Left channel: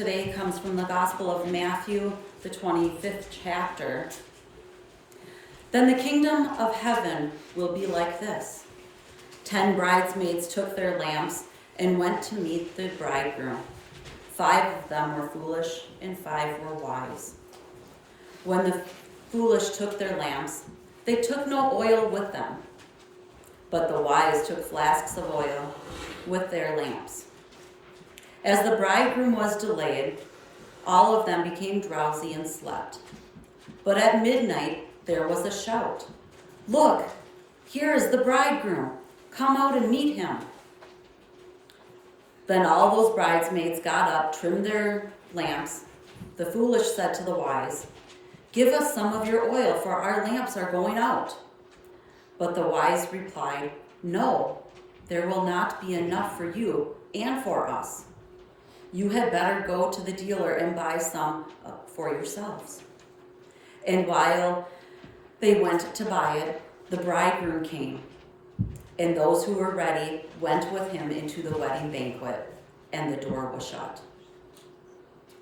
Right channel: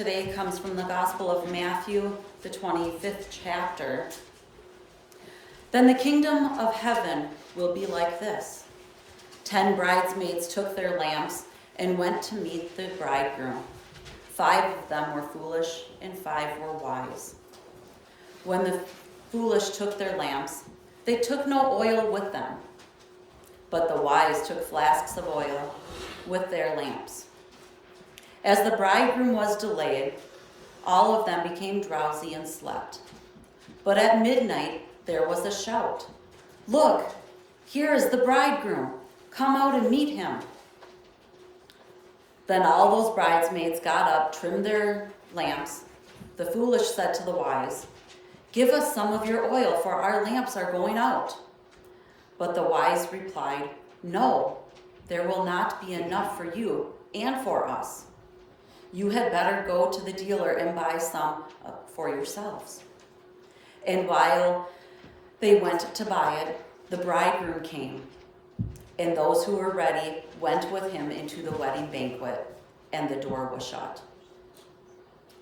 today comes from the Gospel of Matthew, the 25th chapter. Then the kingdom of heaven will be like this. 10 bridesmaids took their lamps and went to meet the bridegroom. 5 of them were foolish and 5 were wise. When the foolish took their lamps, they took no oil with them, but the wise took flasks of oil with their lamps. As the bridegroom was delayed, all of them became drowsy and slept. But at midnight there was a shout, "Look, here is the bridegroom. Come out and meet him." Then all those bridesmaids got up, trimmed their lamps. The foolish said to the wise, "Give us some of your oil, for our lamps are going out." But the wise replied, "No, there will not be enough for you and for us. You had better go to the dealer and buy some for yourselves." And while they went to buy it, the bridegroom came, and those who were ready went with him into the wedding banquet, and the door was shut.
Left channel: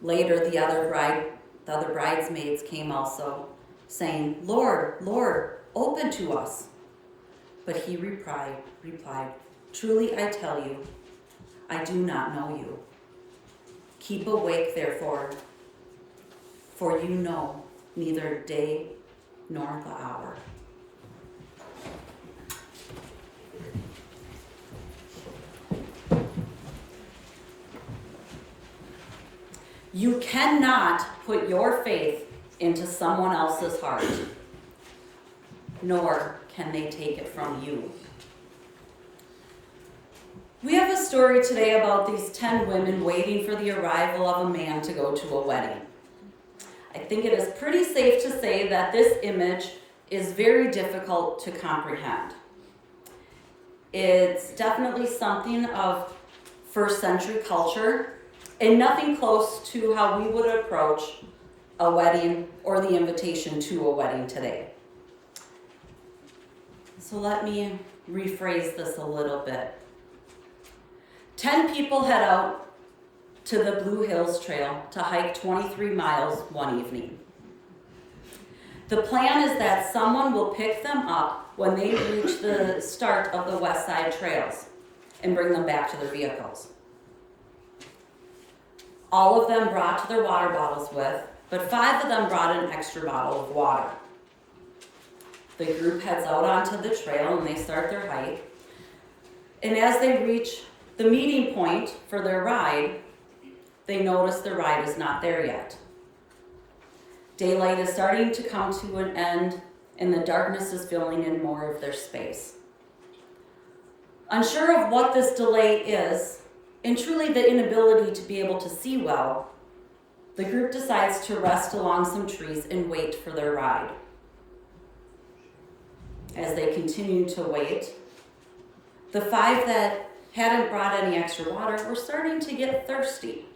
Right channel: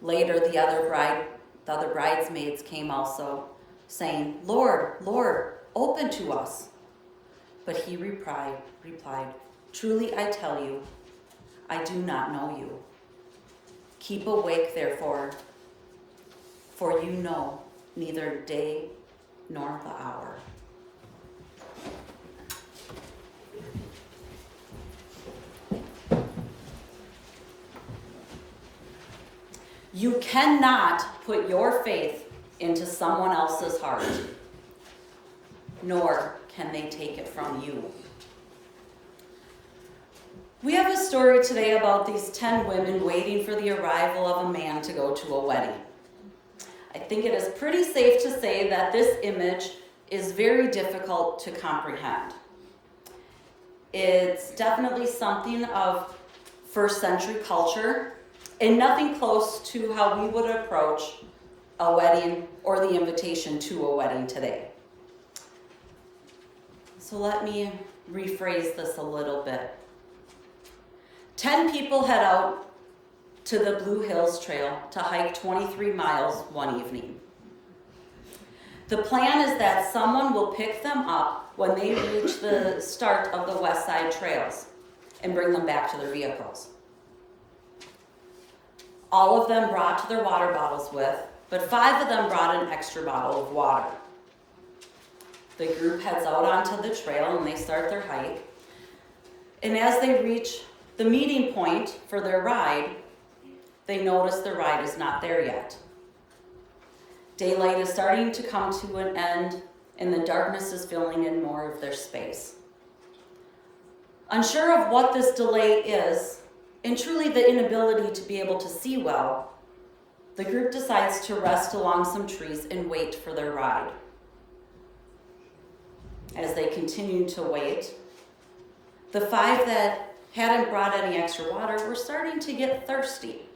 Later, the other bridesmaids came also, saying, "Lord, Lord, open to us." But he replied, "Truly I tell you, I do not know you. Keep awake, therefore, for you know neither day nor the hour." You cannot put your faith into someone else's heart, nor can they take it from you. We have a story today about these 10 women waiting for the arrival of a man to go to a wedding. I think it is pretty safe to say that this image is very difficult to comprehend. It's definitely something of first century culture and nothing close to how we would approach a wedding or the invitation to a wedding today. So let me rephrase this a little bit. 10 people head out to the Blue Hills Trail to hike 23 miles one evening. The plan is that someone will pick them up when they reach the start of the West Side Trails and bring them back to their vehicles. All of them brought their water bottles with, but 5 of them brought an extra bottle of water. The group heads out onto the trail and they start their hike. And as they reach the meeting point for their ride, they notice the ride is not there yet. Daylight is starting to come to an end, and the darkness is filling in more of their space. Unsure of what this delay is, and truly the inability to be able to see well, the group decides to rest along some trees and wait for their ride. As they continue to wait, the 5 that hadn't brought any extra water were starting to get thirsty.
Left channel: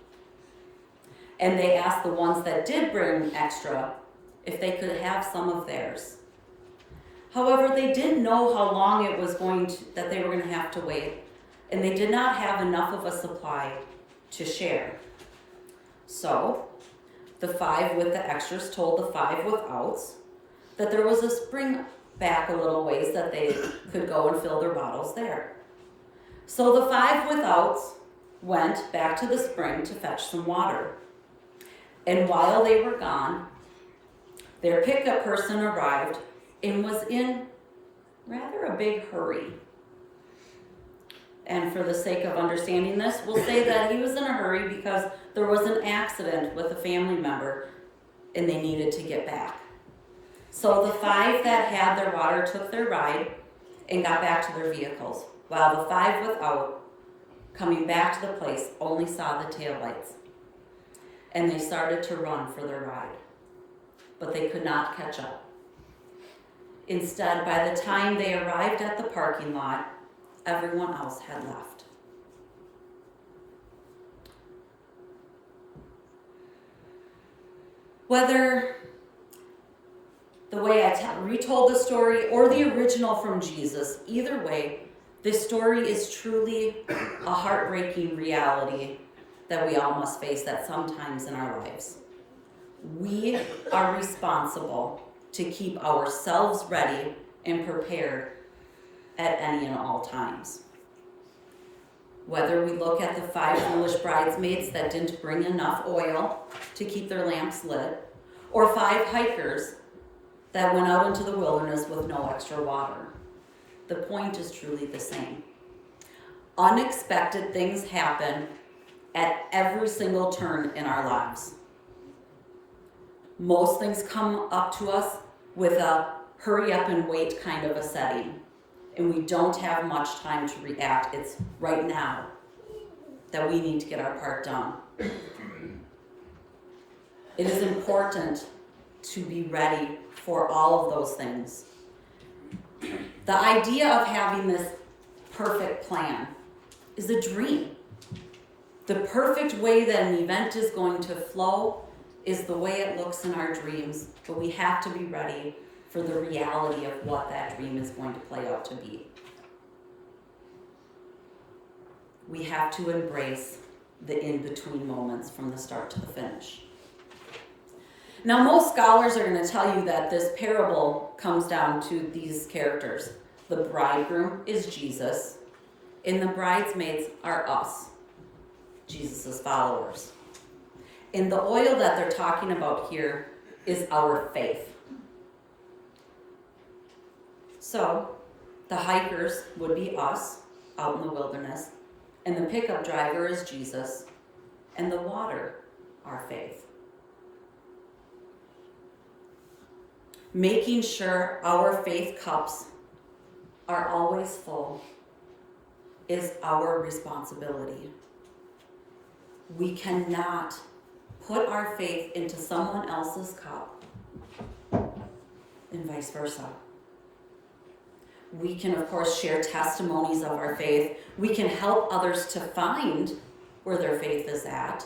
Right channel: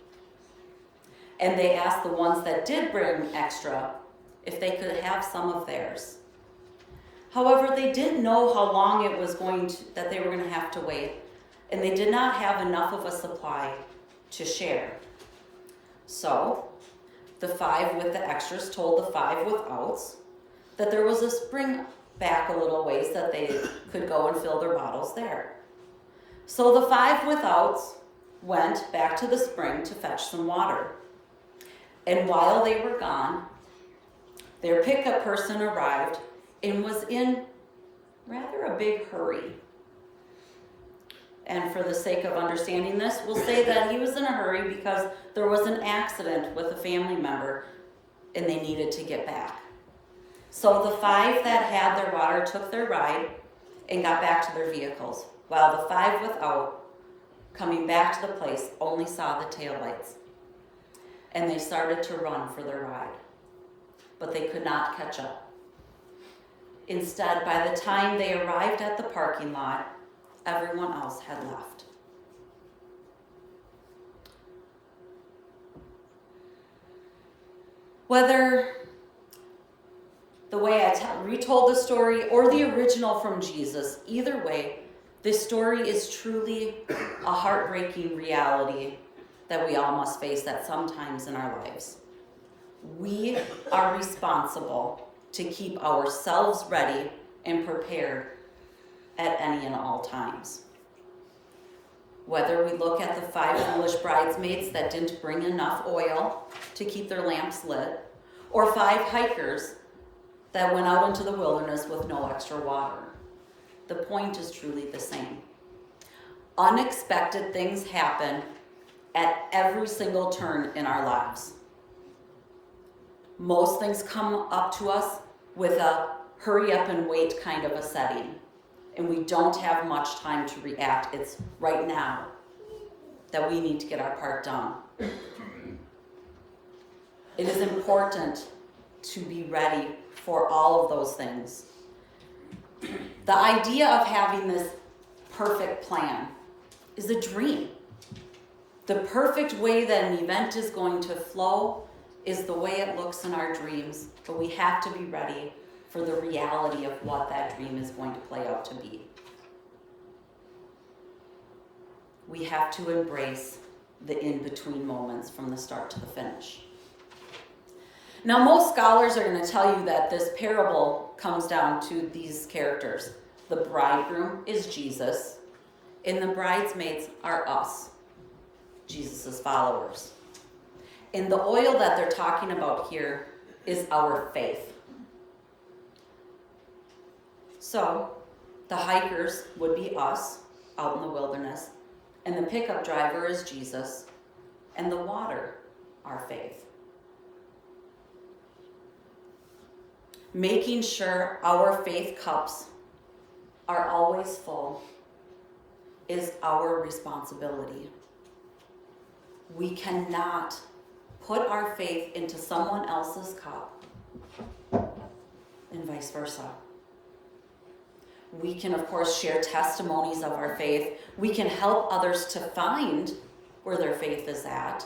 And they asked the ones that did bring extra if they could have some of theirs. However, they didn't know how long it was that they were going to have to wait, and they did not have enough of a supply to share. So, the 5 with the extras told the 5 withouts that there was a spring back a little ways that they could go and fill their bottles there. So the 5 withouts went back to the spring to fetch some water. And while they were gone, their pickup person arrived and was in rather a big hurry. And for the sake of understanding this, we'll say that he was in a hurry because there was an accident with a family member and they needed to get back. So the 5 that had their water took their ride and got back to their vehicles, while the 5 without, coming back to the place, only saw the taillights. And they started to run for their ride, but they could not catch up. Instead, by the time they arrived at the parking lot, everyone else had left. Whether the way I retold the story or the original from Jesus, either way, this story is truly a heartbreaking reality that we all must face at some times in our lives. We are responsible to keep ourselves ready and prepared at any and all times. Whether we look at the 5 foolish bridesmaids that didn't bring enough oil to keep their lamps lit, or 5 hikers that went out into the wilderness with no extra water, the point is truly the same. Unexpected things happen at every single turn in our lives. Most things come up to us with a hurry up and wait kind of a setting, and we don't have much time to react. It's right now that we need to get our part done. It is important to be ready for all of those things. The idea of having this perfect plan is a dream. The perfect way that an event is going to flow is the way it looks in our dreams, but we have to be ready for the reality of what that dream is going to play out to be. We have to embrace the in-between moments from the start to the finish. Now, most scholars are going to tell you that this parable comes down to these characters. The bridegroom is Jesus, and the bridesmaids are us, Jesus' followers. And the oil that they're talking about here is our faith. So, the hikers would be us out in the wilderness, and the pickup driver is Jesus, and the water, our faith. Making sure our faith cups are always full is our responsibility. We cannot put our faith into someone else's cup and vice versa. We can, of course, share testimonies of our faith. We can help others to find where their faith is at.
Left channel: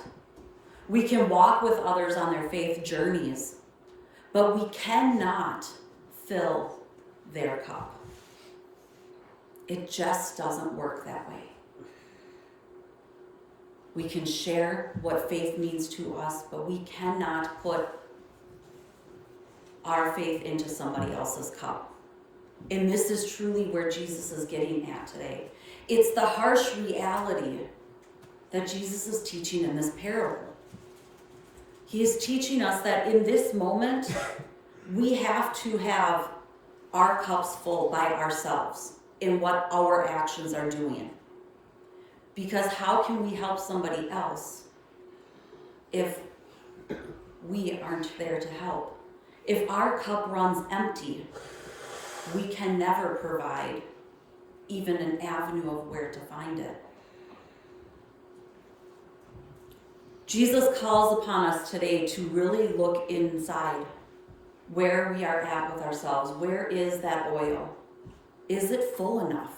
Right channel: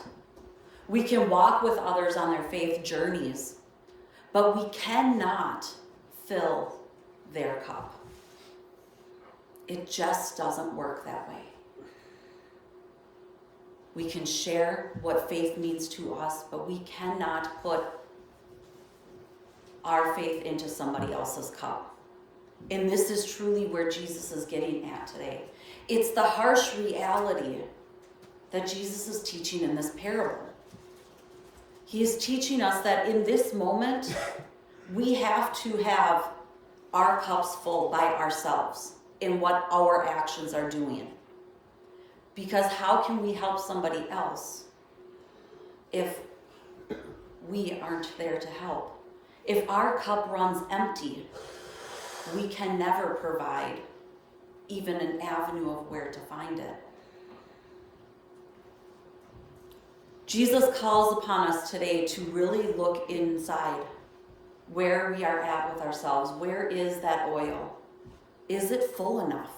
We can walk with others on their faith journeys, but we cannot fill their cup. It just doesn't work that way. We can share what faith means to us, but we cannot put our faith into somebody else's cup. And this is truly where Jesus is getting at today. It's the harsh reality that Jesus is teaching in this parable. He is teaching us that in this moment, we have to have our cups full by ourselves in what our actions are doing. Because how can we help somebody else if we aren't there to help? If our cup runs empty, we can never provide even an avenue of where to find it. Jesus calls upon us today to really look inside where we are at with ourselves. Where is that oil? Is it full enough?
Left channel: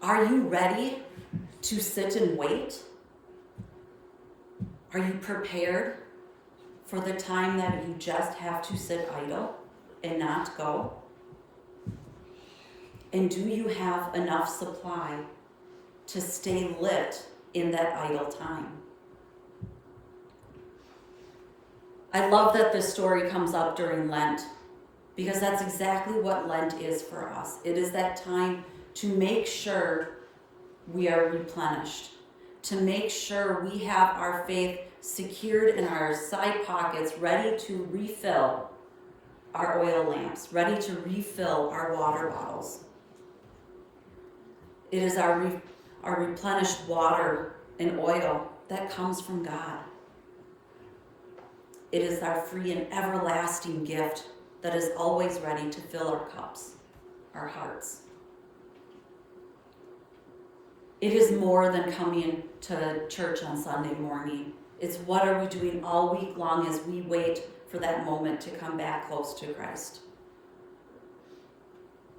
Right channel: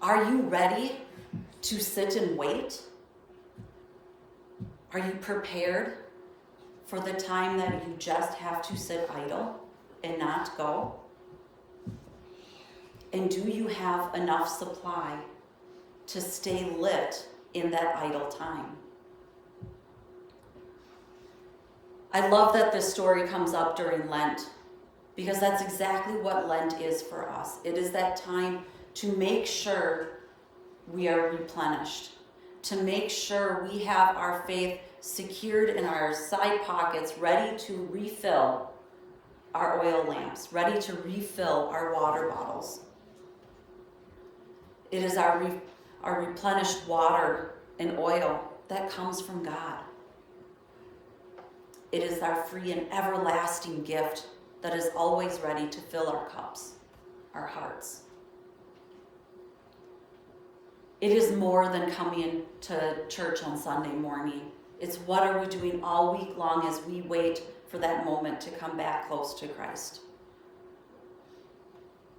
Are you ready to sit and wait? Are you prepared for the time that you just have to sit idle and not go? And do you have enough supply to stay lit in that idle time? I love that this story comes up during Lent, because that's exactly what Lent is for us. It is that time to make sure we are replenished, to make sure we have our faith secured in our side pockets, ready to refill our oil lamps, ready to refill our water bottles. It is our replenished water and oil that comes from God. It is our free and everlasting gift that is always ready to fill our cups, our hearts. It is more than coming to church on Sunday morning. It's what are we doing all week long as we wait for that moment to come back close to Christ.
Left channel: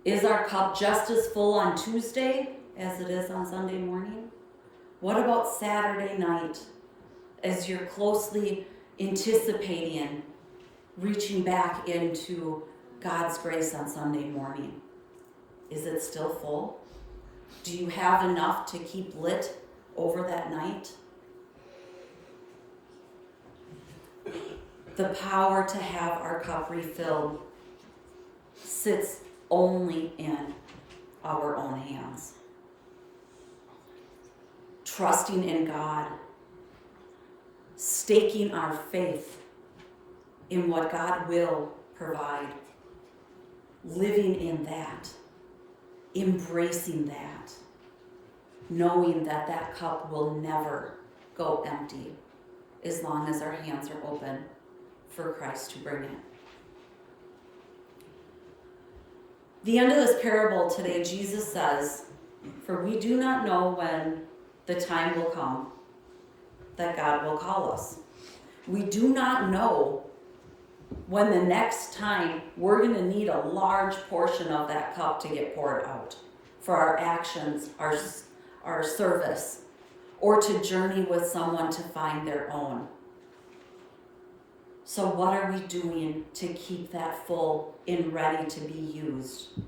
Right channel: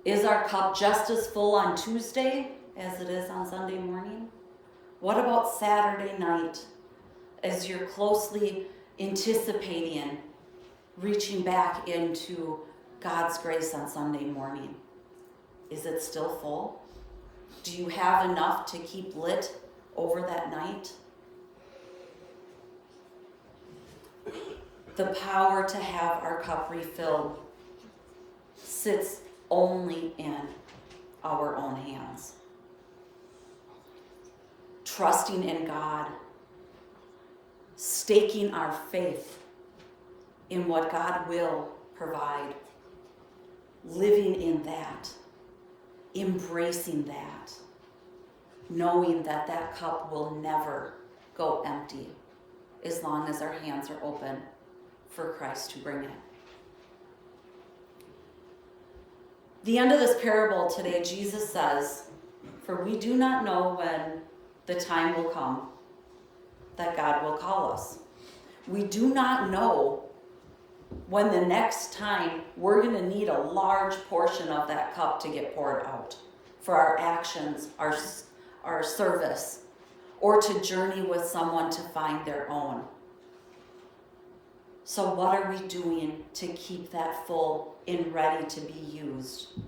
Is our cup just as full on Tuesday as it is on Sunday morning? What about Saturday night as you're closely anticipating reaching back into God's grace on Sunday morning? Is it still full? Do you have enough to keep lit over that night? The power to have our cup refilled sits only in our own hands. Trusting in God, staking our faith in what God will provide, living in that, embracing that, knowing that that cup will never go empty as long as our hands are open for Christ to bring it. The end of this parable today, Jesus says, "For we do not know when the time will come that God will call us." We do not know when the next time we're going to need a large portion of that cup to get poured out for our actions, our service, or to journey with someone to find their own. So what are we doing to keep that full and ready to be used?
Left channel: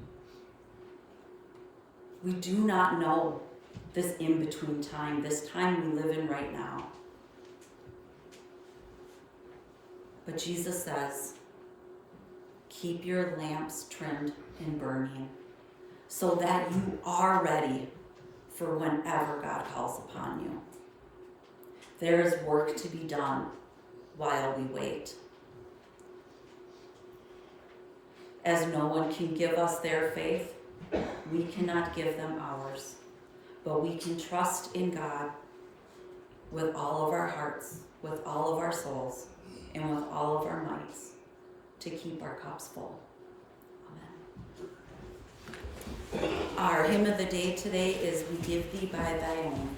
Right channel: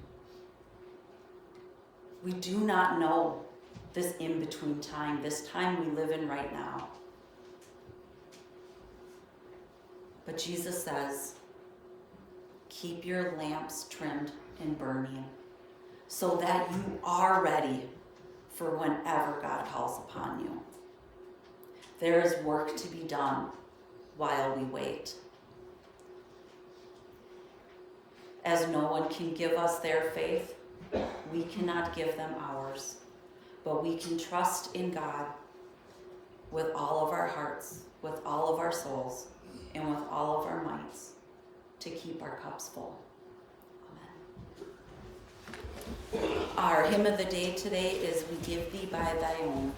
We do not know this in-between time, this time we live in right now. But Jesus says, keep your lamps trimmed and burning so that you are ready for whenever God calls upon you. There is work to be done while we wait. As no one can give us their faith, we cannot give them ours. But we can trust in God with all of our hearts, with all of our souls, and with all of our mights to keep our cups full. Amen. Our hymn of the day today is "We Give Thee by Thy Own."